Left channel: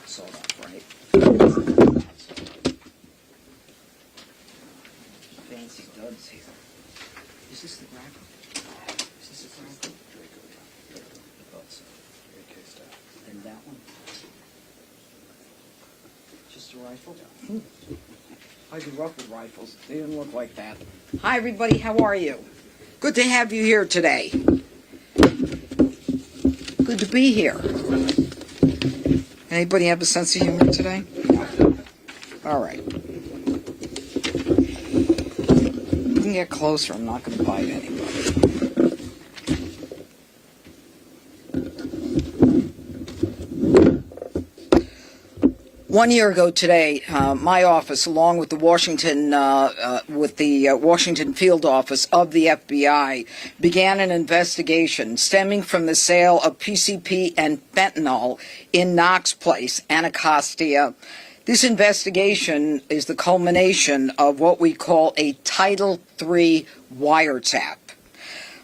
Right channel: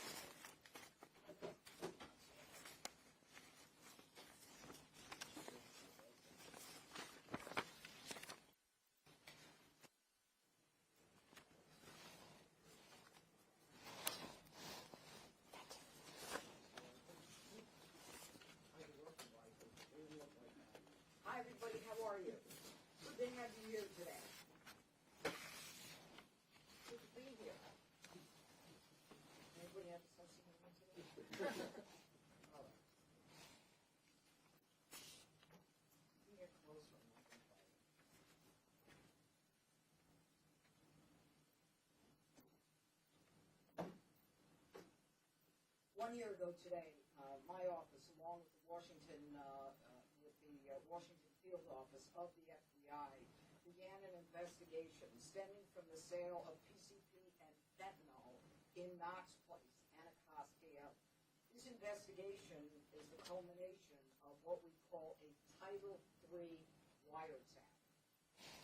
not sold up, right? Fancy duds here. Is this the Draco? Is this the Draco? I thought so. And that one? Just a rifle? I grew up with rifles. They didn't look like that. Hi, everybody. How are you? Good to have you here today. Good to be here. Anybody have a sense of humor today? All right. You can get closer. I'm not going to bite anybody. 1 year ago today, my office, along with the Washington field office of the FBI, began an investigation stemming from the sale of PCP and fentanyl in Knox Place, Anacostia. This investigation is the culmination of what we call a Title III wiretap.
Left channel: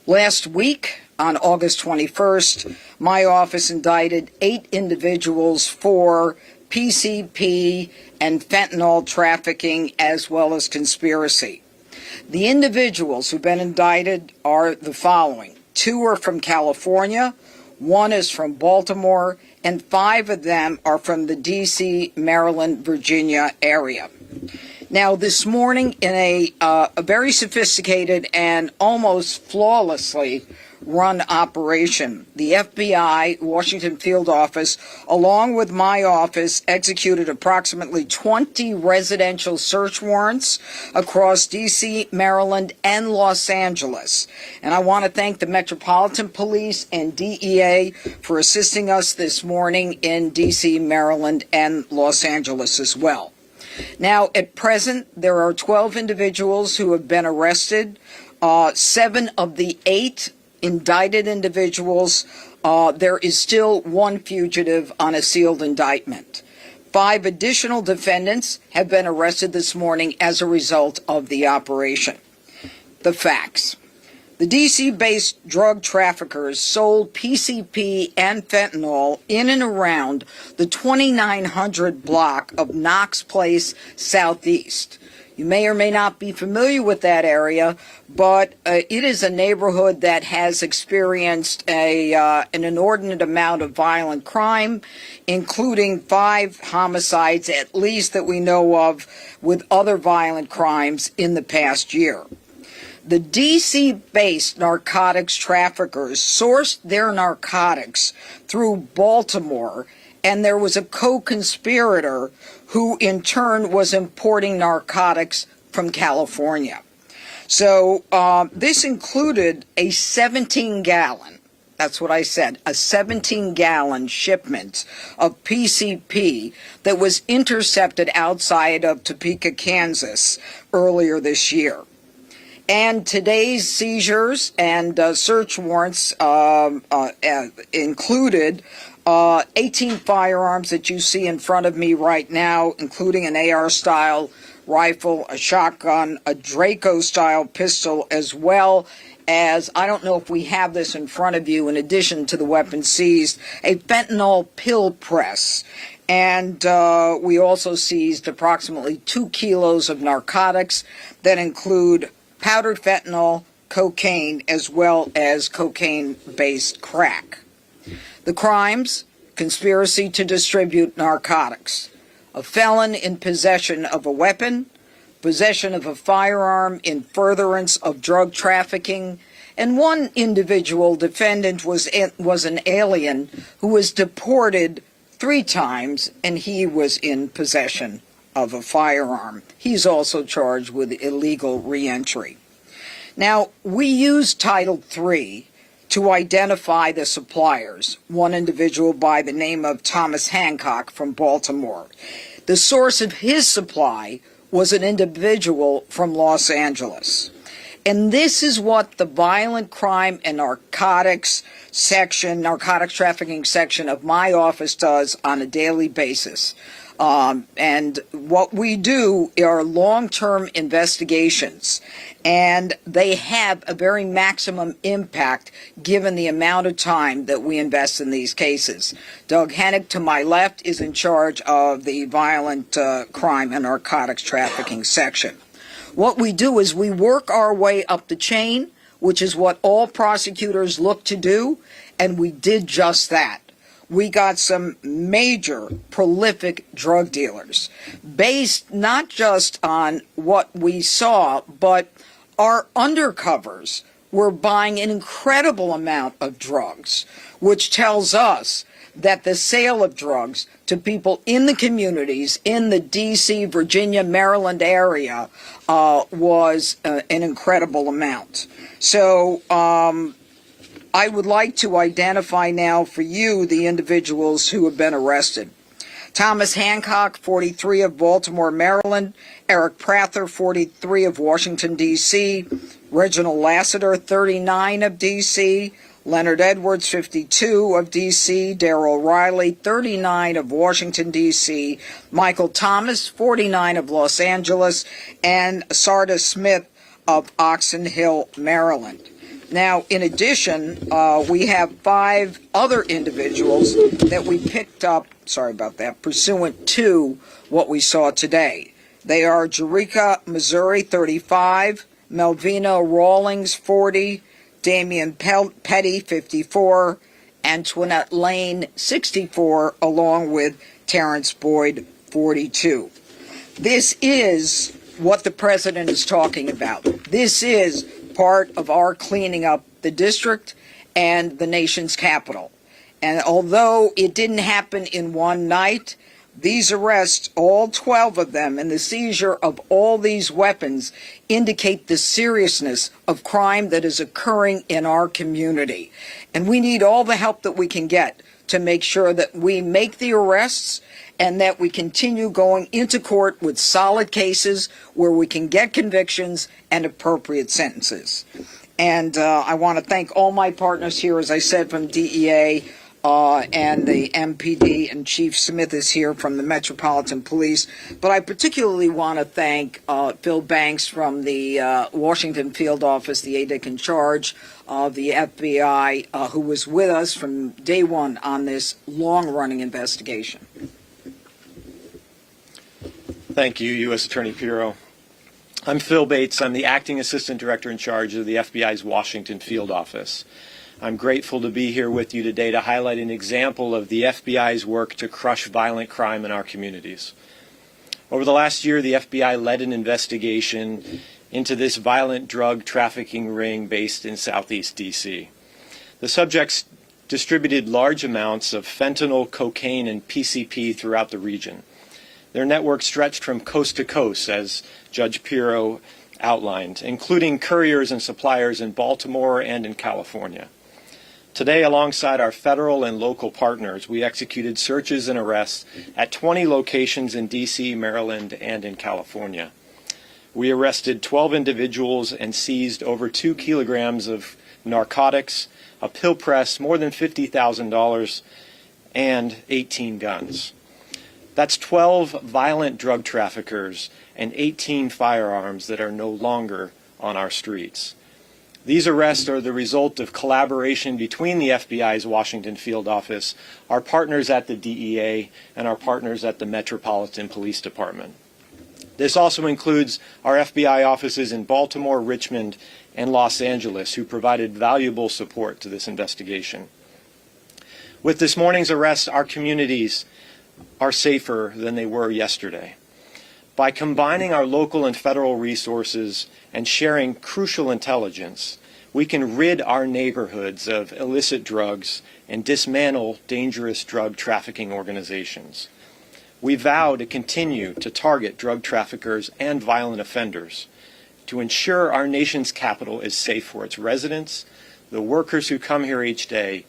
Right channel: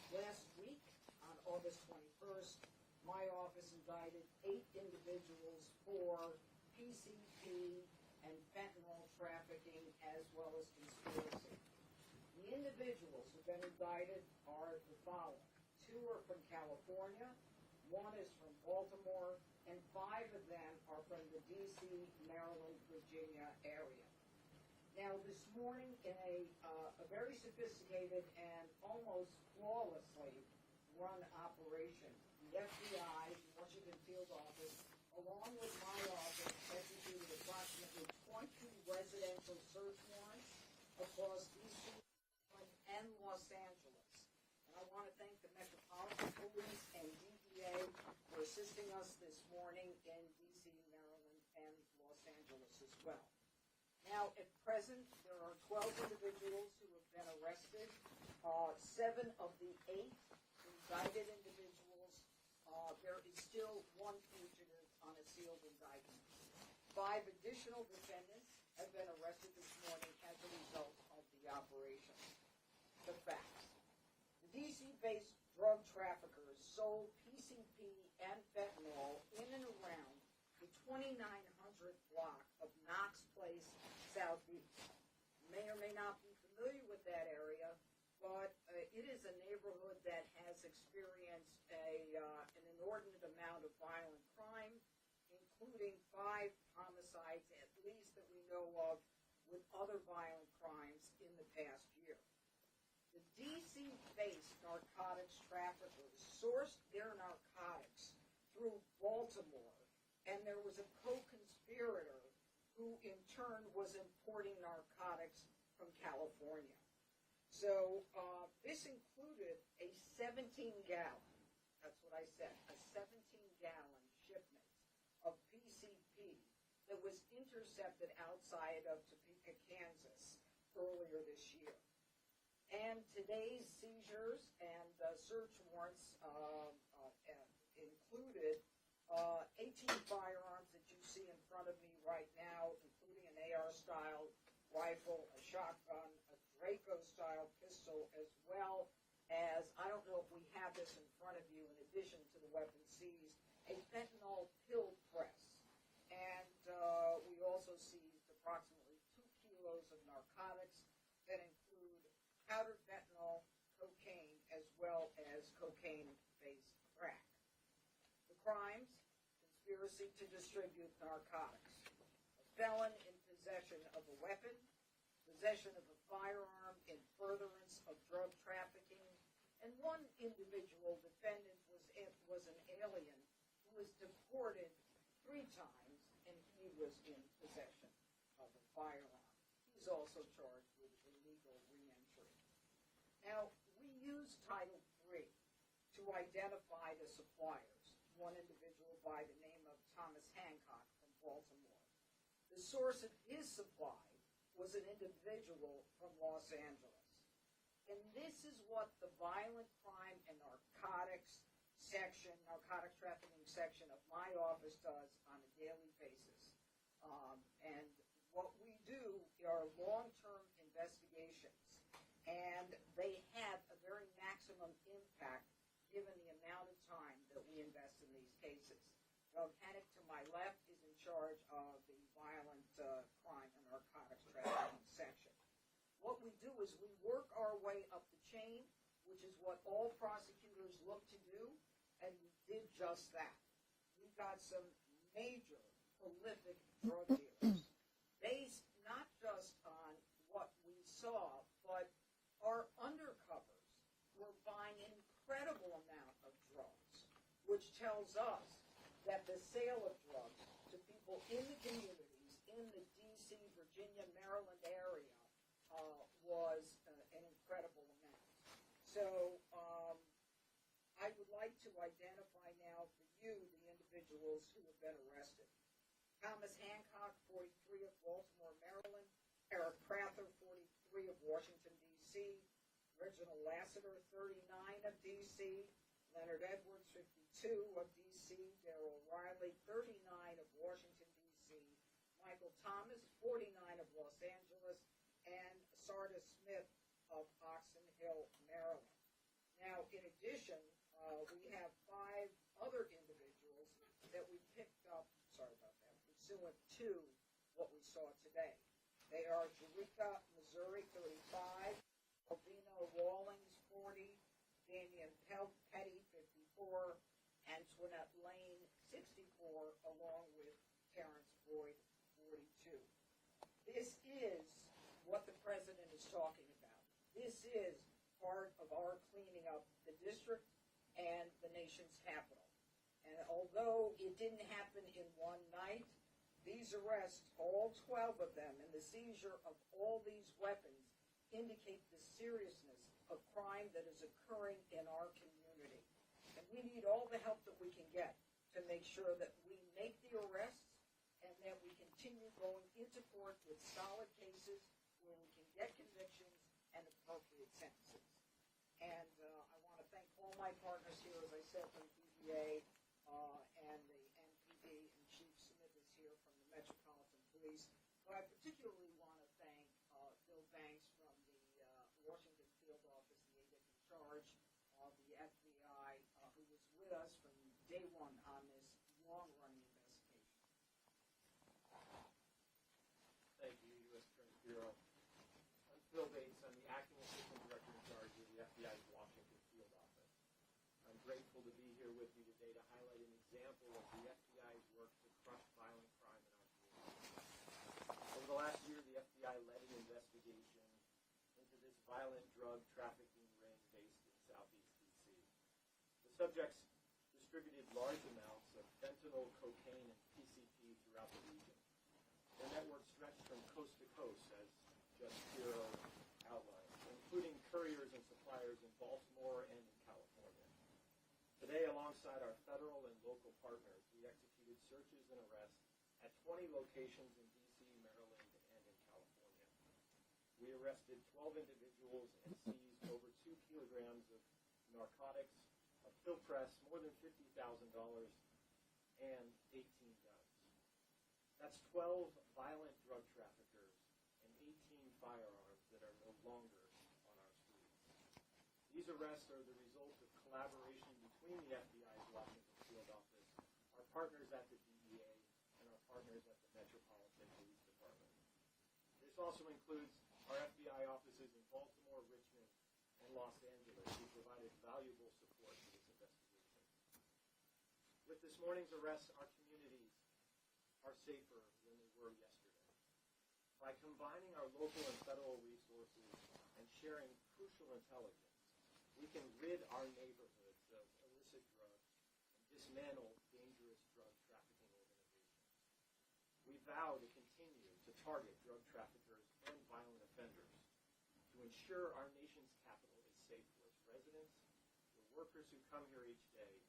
Last week, on August 21st, my office indicted 8 individuals for PCP and fentanyl trafficking as well as conspiracy. The individuals who've been indicted are the following. 2 are from California, 1 is from Baltimore, and 5 of them are from the D.C., Maryland, Virginia area. Now, this morning, in a very sophisticated and almost flawlessly run operation, the FBI Washington field office, along with my office, executed approximately 20 residential search warrants across D.C., Maryland, and Los Angeles. And I want to thank the Metropolitan Police and DEA for assisting us this morning in D.C., Maryland, and Los Angeles as well. Now, at present, there are 12 individuals who have been arrested. 7 of the 8 indicted individuals, there is still 1 fugitive on a sealed indictment. 5 additional defendants have been arrested this morning as a result of the operation. The facts. The D.C.-based drug traffickers sold PCP and fentanyl in and around the 2900 block of Knox Place Southeast. You may or may not be familiar with that area, but it is a neighborhood that has experienced an inordinate amount of violent crime, including 5 homicides at least that we know of, with other violent crimes in the past year. The D.C.-based narcotics traffickers sourced their narcotics through Baltimore, and there was a co-conspirator who in turn was importing narcotics from California. So this included a 17-gallon, that's what I said, a 17-gallon shipment of PCP that was intercepted outside of Topeka, Kansas earlier this year. And today's seizures and search warrants included 18 firearms that you see in front of me right now, including an AR-style rifle, a shotgun, a Draco-style pistol, as well as, I don't know if we have this in front of you, in addition to the weapons seized, a fentanyl pill press. And we also seized approximately 2 kilos of narcotics that include powdered fentanyl, cocaine, as well as cocaine-based crack. The crimes: conspiracy to distribute narcotics, a felon in possession of a weapon, possession of a firearm in furtherance of drug trafficking, and 1 individual defendant was an alien who was deported 3 times, and he was in possession of a firearm. He's also charged with illegal reentry. Now, we use Title III to identify the suppliers, 1 individual by the name of Thomas Hancock from Baltimore. The source of his supply was an individual from Los Angeles. And this is what the violent crime and narcotics trafficking section of my office does on a daily basis. And what we do are long-term investigations, and they have a very maximum impact given the amount of time that we invest in these cases. Doug Hennick, to my left, is in charge of the violent crime and narcotics trafficking section. What we do is we work our way up the chain, which is what all prosecutors look to do, and we did just that. We got some major prolific drug dealers based not just on what we saw, but our undercovers were buying an incredible amount of drugs, which tells us that the sale of drugs to people in the communities in the D.C., Virginia, Maryland area was an incredible amount. So I would like to identify now for you the individuals who have been arrested. Thomas Hancock, 43, of Baltimore, Maryland. Eric Prather, 43, of Washington, D.C. Reginald Lassiter, 39, of D.C. Leonard Edwards, 52, of D.C. Darrell Riley, 39, of Washington, D.C. Michael Thomas, 49, of Los Angeles. And Sarda Smith of Oxon Hill, Maryland. Now, in addition, we have 5 other individuals that we picked up, sorry about that, pursuant to what we saw today. They are Jerica, Missouri, 35, Melvina Rawlings, 40, Damian Petty, 54, Antoinette Lane, 64, along with Terrence Boyd, 42. This is what the president is talking about. This is part of our cleaning up the district and the nation's capital. And although it didn't happen in one night, these arrests, all 12 of them, and the seizure of all these weapons indicate the seriousness of crime that is occurring in our community. And we need all the help that we can get to make sure that we make the arrests and that we continue going into court with solid cases where we can get convictions and appropriate sentences. And I want to thank all my partners here, as I said, from DEA and the MPD, and Chief Smith is here from the Metropolitan Police. But I particularly want to thank Phil Banks from the Washington Field Office, the ADIC in charge of the FBI, who was with us from day one on this long-running investigation. Thank you, U.S. Attorney Pirro. I'm Phil Bates. I'm the Acting Assistant Director in charge of the FBI's Washington Field Office. I'm grateful to be here with you today to highlight an example of the FBI's work to crush violent crime in our communities. Over the last year, the FBI led an investigation into this violent drug trafficking ring based in Southeast D.C. The subjects distributed large amounts of fentanyl, cocaine, and PCP throughout the region. Their network stretched from coast to coast, as Judge Pirro outlined, including couriers and suppliers in Baltimore and in California. Today, alongside our federal and local partners, we executed searches and arrests at 20 locations in D.C., Maryland, and in California. We arrested 12 individuals and seized over 2 kilograms of narcotics, a pill press, more than $50,000, and 18 guns. That's 12 violent drug traffickers and 18 firearms that are no longer on our streets. These arrests are the result of collaboration between the FBI's Washington Field Office, our partners at the DEA, and our partners at the Metropolitan Police Department. This also includes our FBI offices in Baltimore, Richmond, and Los Angeles, who provided valuable support to this investigation. With this morning's arrest, our communities are safer than they were yesterday. By combining our local and federal resources and sharing crucial intelligence, we can rid our neighborhoods of illicit drugs and dismantle dangerous drug trafficking organizations. We vow to continue to target drug traffickers and violent offenders to ensure our nation's capital is safe for its residents, the workers who come here each day,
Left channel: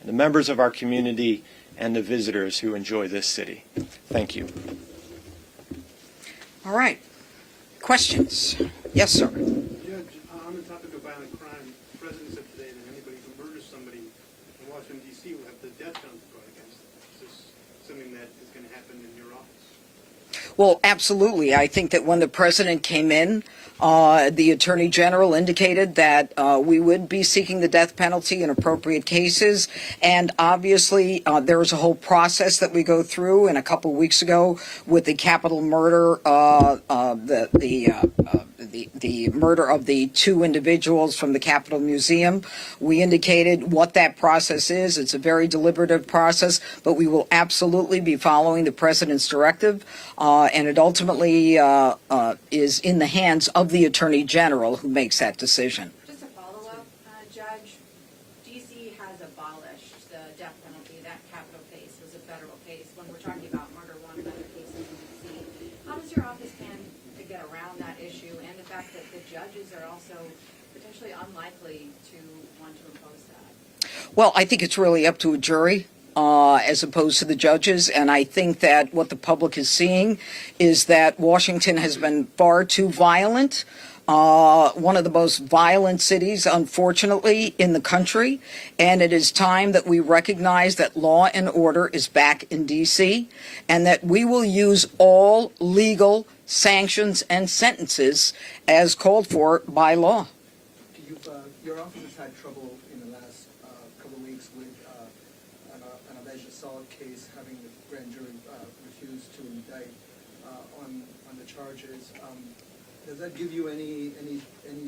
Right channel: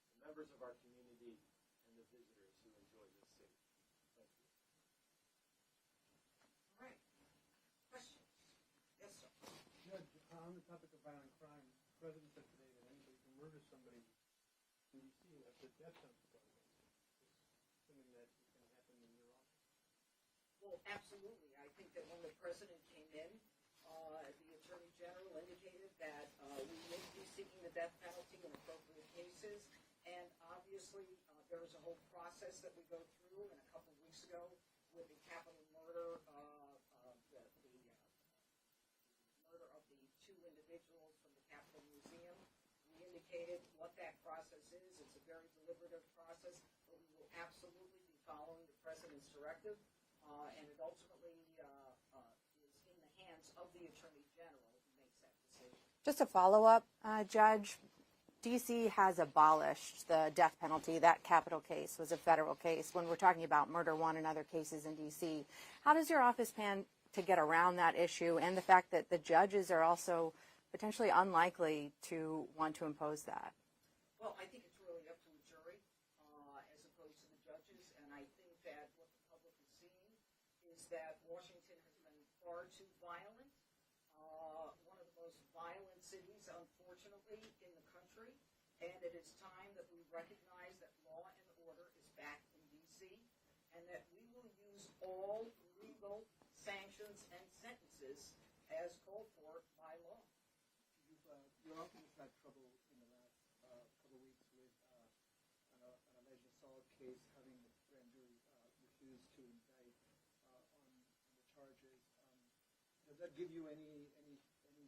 and the members of our community and the visitors who enjoy this city. Thank you. All right. Questions? Yes, sir. Judge, I'm Washington, D.C. will have the death penalty brought against them. Is this something that is going to happen in your office? Well, absolutely. I think that when the president came in, the attorney general indicated that we would be seeking the death penalty in appropriate cases. And obviously, there is a whole process that we go through. And a couple weeks ago, with the capital murder, the murder of the two individuals from the Capitol Museum, we indicated what that process is. It's a very deliberative process, but we will absolutely be following the president's directive, and it ultimately is in the hands of the attorney general who makes that decision. Just a follow-up, Judge. D.C. has abolished the death penalty. That capital case was a federal case. When we're talking about murder one and other cases in D.C., how does your office plan to get around that issue and the fact that the judges are also potentially unlikely to want to impose that? Well, I think it's really up to a jury as opposed to the judges, and I think that what the public is seeing is that Washington has been far too violent. One of the most violent cities, unfortunately, in the country, and it is time that we recognize that law and order is back in D.C. and that we will use all legal sanctions and sentences as called for by law. Your office has had trouble in the last couple of weeks with an alleged assault case, having the grand jury refuse to indict on the charges. Does that give you any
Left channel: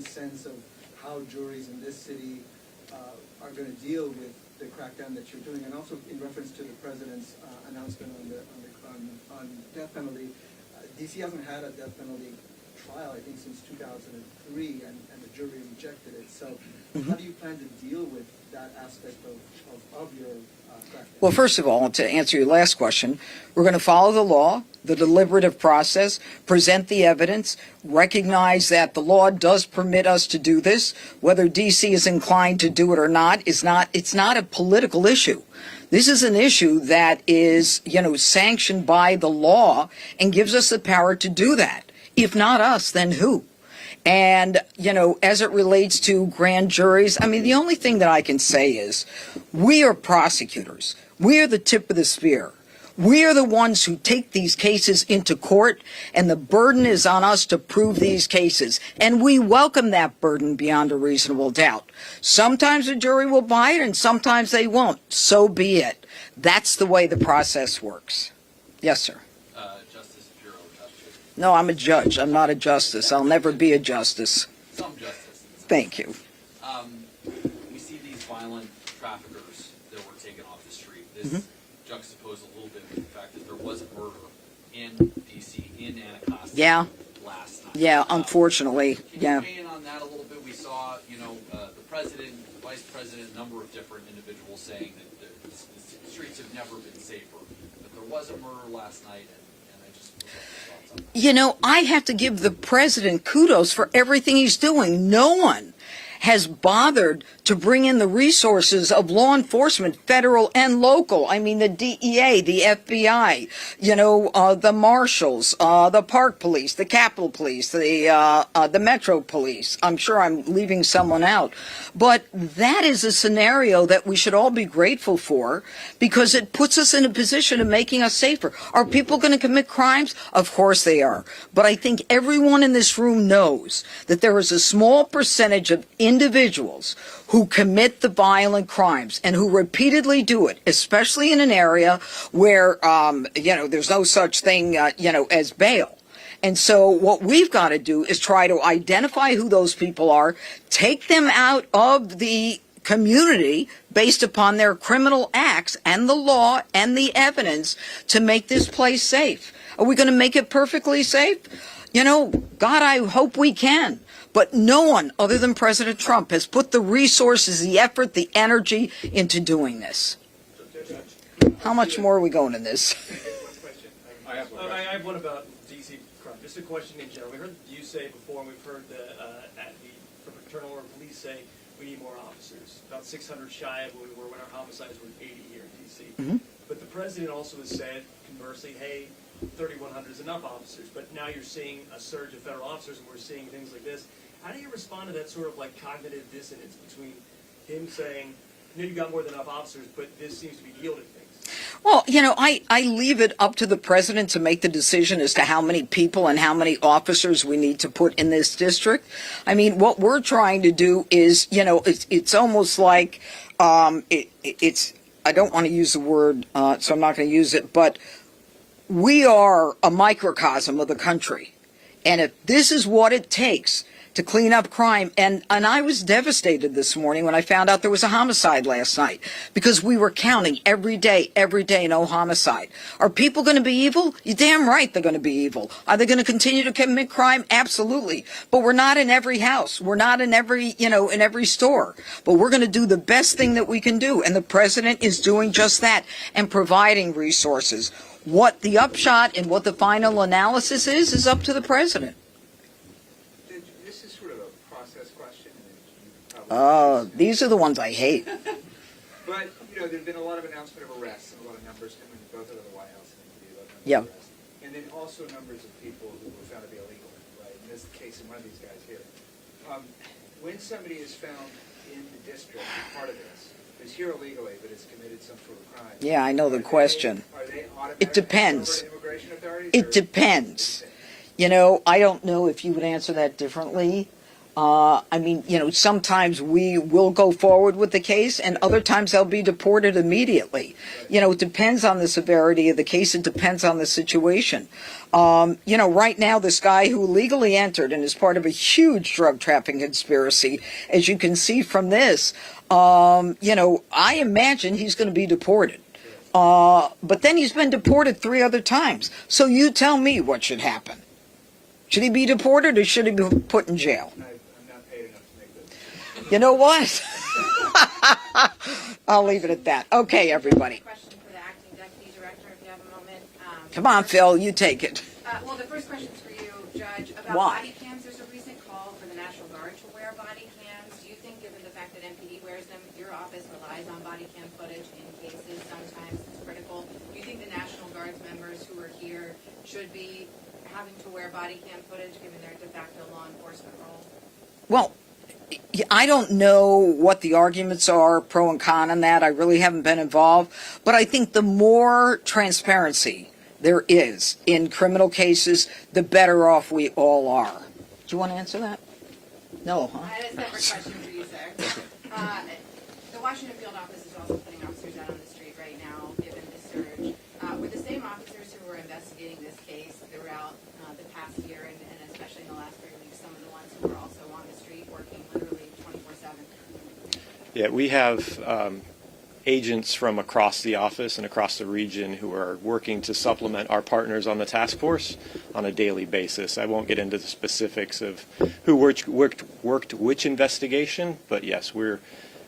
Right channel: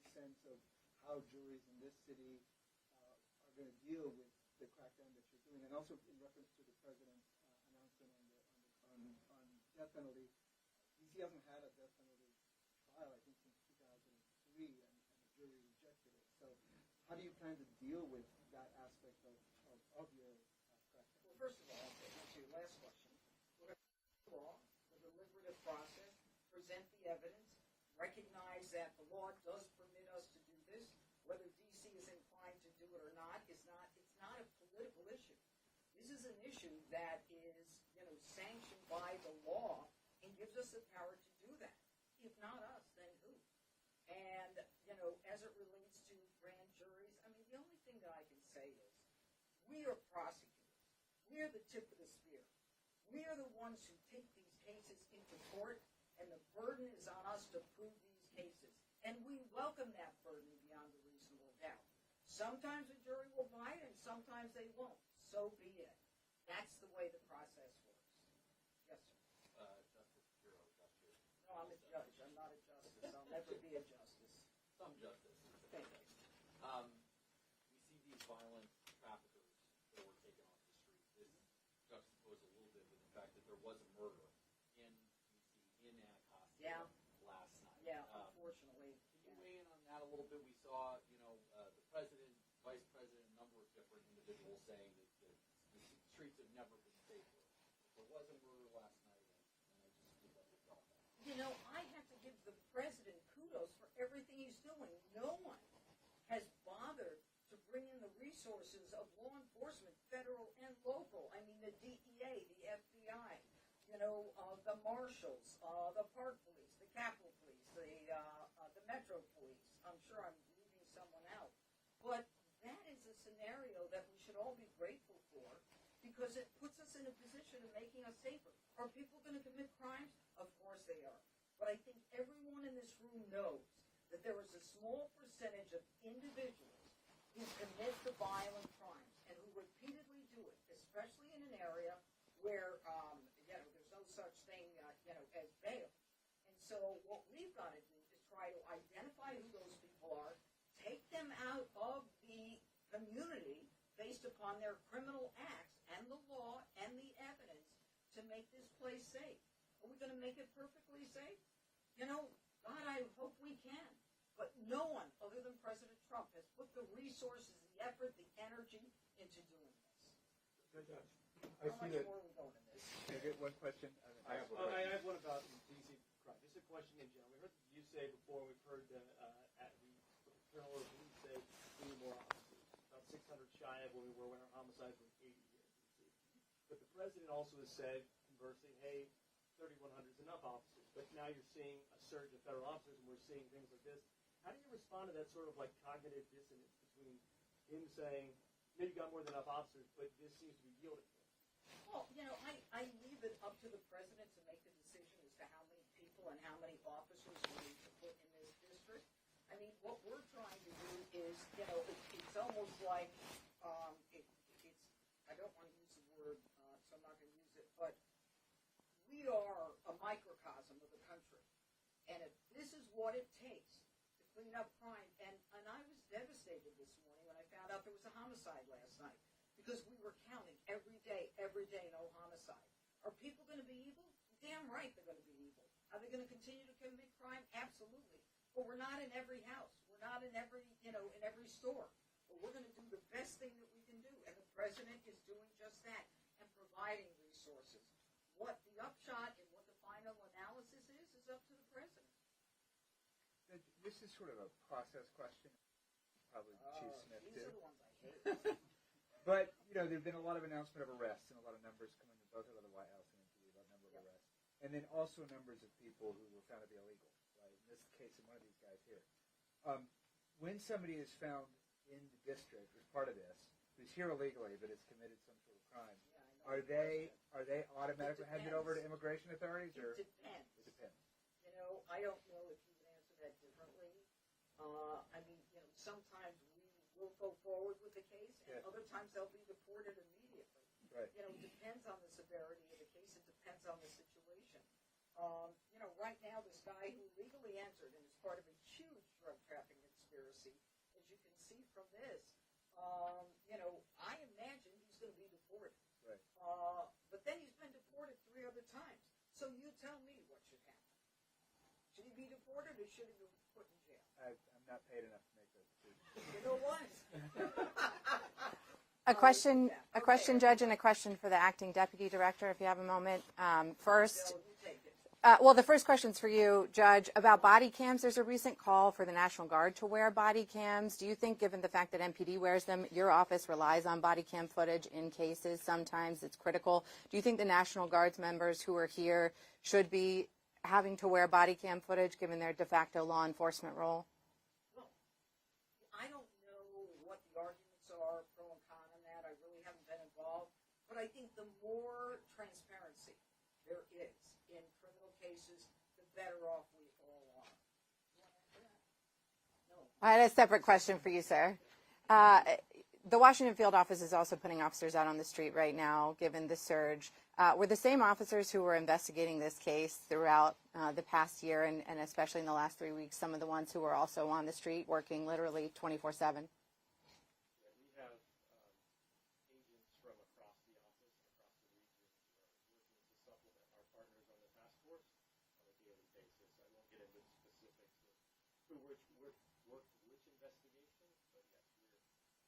sense of how juries in this city are going to deal with the crackdown that you're doing? And also in reference to the president's announcement on death penalty, D.C. hasn't had a death penalty trial, I think, since 2003, and the jury rejected it. So how do you plan to deal with that aspect of your crackdown? Well, first of all, to answer your last question, we're going to follow the law, the deliberative process, present the evidence, recognize that the law does permit us to do this. Whether D.C. is inclined to do it or not, it's not a political issue. This is an issue that is, sanctioned by the law and gives us the power to do that. If not us, then who? And, as it relates to grand juries, the only thing that I can say is we are prosecutors. We are the tip of the spear. We are the ones who take these cases into court, and the burden is on us to prove these cases. And we welcome that burden beyond a reasonable doubt. Sometimes a jury will buy it, and sometimes they won't. So be it. That's the way the process works. Yes, sir. Justice Pirro. No, I'm a judge. I'm not a justice. I'll never be a justice. Some justice. Thank you. We see these violent traffickers that were taken off the street. This juxtaposed a little bit with the fact that there was a murder in D.C., in Anacostia last night. Yeah, unfortunately. Can you weigh in on that a little bit? We saw, the president, vice president, a number of different individuals saying that the streets have never been safer. But there was a murder last night, and I just would like your thoughts on that. I have to give the president kudos for everything he's doing. No one has bothered to bring in the resources of law enforcement, federal and local. The DEA, the FBI, the marshals, the park police, the Capitol Police, the Metro Police. I'm sure I'm leaving someone out. But that is a scenario that we should all be grateful for because it puts us in a position of making us safer. Are people going to commit crimes? Of course they are. But I think everyone in this room knows that there is a small percentage of individuals who commit the violent crimes and who repeatedly do it, especially in an area where, there's no such thing, as bail. And so what we've got to do is try to identify who those people are, take them out of the community based upon their criminal acts and the law and the evidence to make this place safe. Are we going to make it perfectly safe? God, I hope we can. But no one other than President Trump has put the resources, the effort, the energy into doing this. How much more are we going in this? I have one about D.C. crime. Just a question in general. We heard you say before, and we've heard the fraternal or police say we need more officers. About 600 shy of what we were when our homicides were 80 here in D.C. But the president also has said, conversely, hey, 3,100 is enough officers. But now you're seeing a surge of federal officers, and we're seeing things like this. How do you respond to that sort of cognitive dissonance between him saying, I know you got more than enough officers, but this seems to be yielding things. Well, I leave it up to the president to make the decision as to how many people and how many officers we need to put in this district. I mean, what we're trying to do is, it's almost like, it's, I don't want to use the word, so I'm not going to use it, but we are a microcosm of the country. And if this is what it takes to clean up crime, and I was devastated this morning when I found out there was a homicide last night, because we were counting every day, no homicide. Are people going to be evil? You're damn right they're going to be evil. Are they going to continue to commit crime? Absolutely. But we're not in every house. We're not in every, in every store. But we're going to do the best thing that we can do. And the president is doing just that and providing resources. What the upshot and what the final analysis is up to the president. This is sort of a process question. And These are the ones I hate. But, there's been a lot of announcement of arrests and a lot of numbers coming both out of the White House and the numbers of arrests. And then also numbers of people who were found to be illegal, right? In this case, in one of these guys here. When somebody is found in the district, part of this, who's here illegally but has committed some sort of crime. Yeah, I know the question. Are they automatically It depends. turned over to immigration authorities? It depends. I don't know if you would answer that differently. Sometimes we will go forward with the case, and other times they'll be deported immediately. It depends on the severity of the case. It depends on the situation. Right now, this guy who legally entered and is part of a huge drug trafficking conspiracy, as you can see from this, I imagine he's going to be deported. But then he's been deported 3 other times. So you tell me what should happen. Should he be deported or should he be put in jail? I'm not paid enough to make this. You know what? I'll leave it at that. Okay, Judge, everybody. and a question for the acting deputy director, if you have a moment. Come on, First- Phil, you take it. Well, the first question's for you, Judge, about Why? body cams. There's a recent call for the National Guard to wear body cams. Do you think, given the fact that MPD wears them, your office relies on body cam footage in cases? Sometimes it's critical. Do you think the National Guard's members who are here should be having to wear body cam footage, given their de facto law enforcement role? Well, I don't know what the arguments are, pro and con on that. I really haven't been involved. But I think the more transparency there is in criminal cases, the better off we all are. Do you want to answer that? No, huh? I had a separate question for you, sir. The Washington field office is also putting officers out on the street right now, given the surge. Were the same officers who were investigating this case throughout the past year, and especially in the last 3 weeks, some of the ones who were also on the street working literally 24/7? Yeah, we have agents from across the office and across the region who are working to supplement our partners on the task force on a daily basis. I won't get into the specifics of who worked which investigation, but yes, we're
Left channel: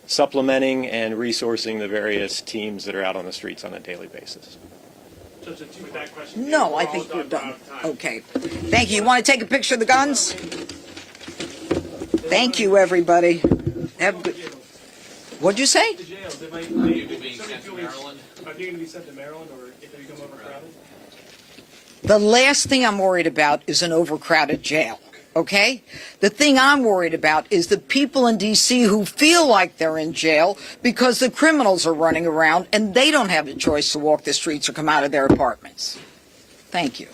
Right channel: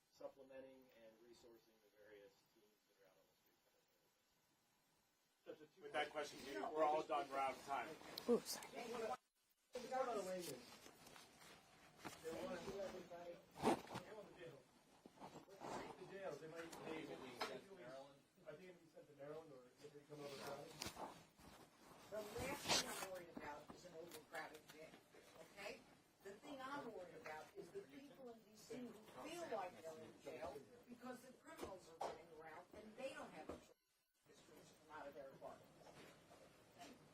supplementing and resourcing the various teams that are out on the streets on a daily basis. Judge, with that question, No, we're I all think we're done. out of time. Okay. Thank you. You want to take a picture of the guns? Thank you, everybody. Have good. What'd you say? The jails, they might, People being sent to Maryland. Are they going to be sent to Maryland, or if they become overcrowded? The last thing I'm worried about is an overcrowded jail. Okay? The thing I'm worried about is the people in D.C. who feel like they're in jail because the criminals are running around and they don't have a choice to walk the streets or come out of their apartments. Thank you.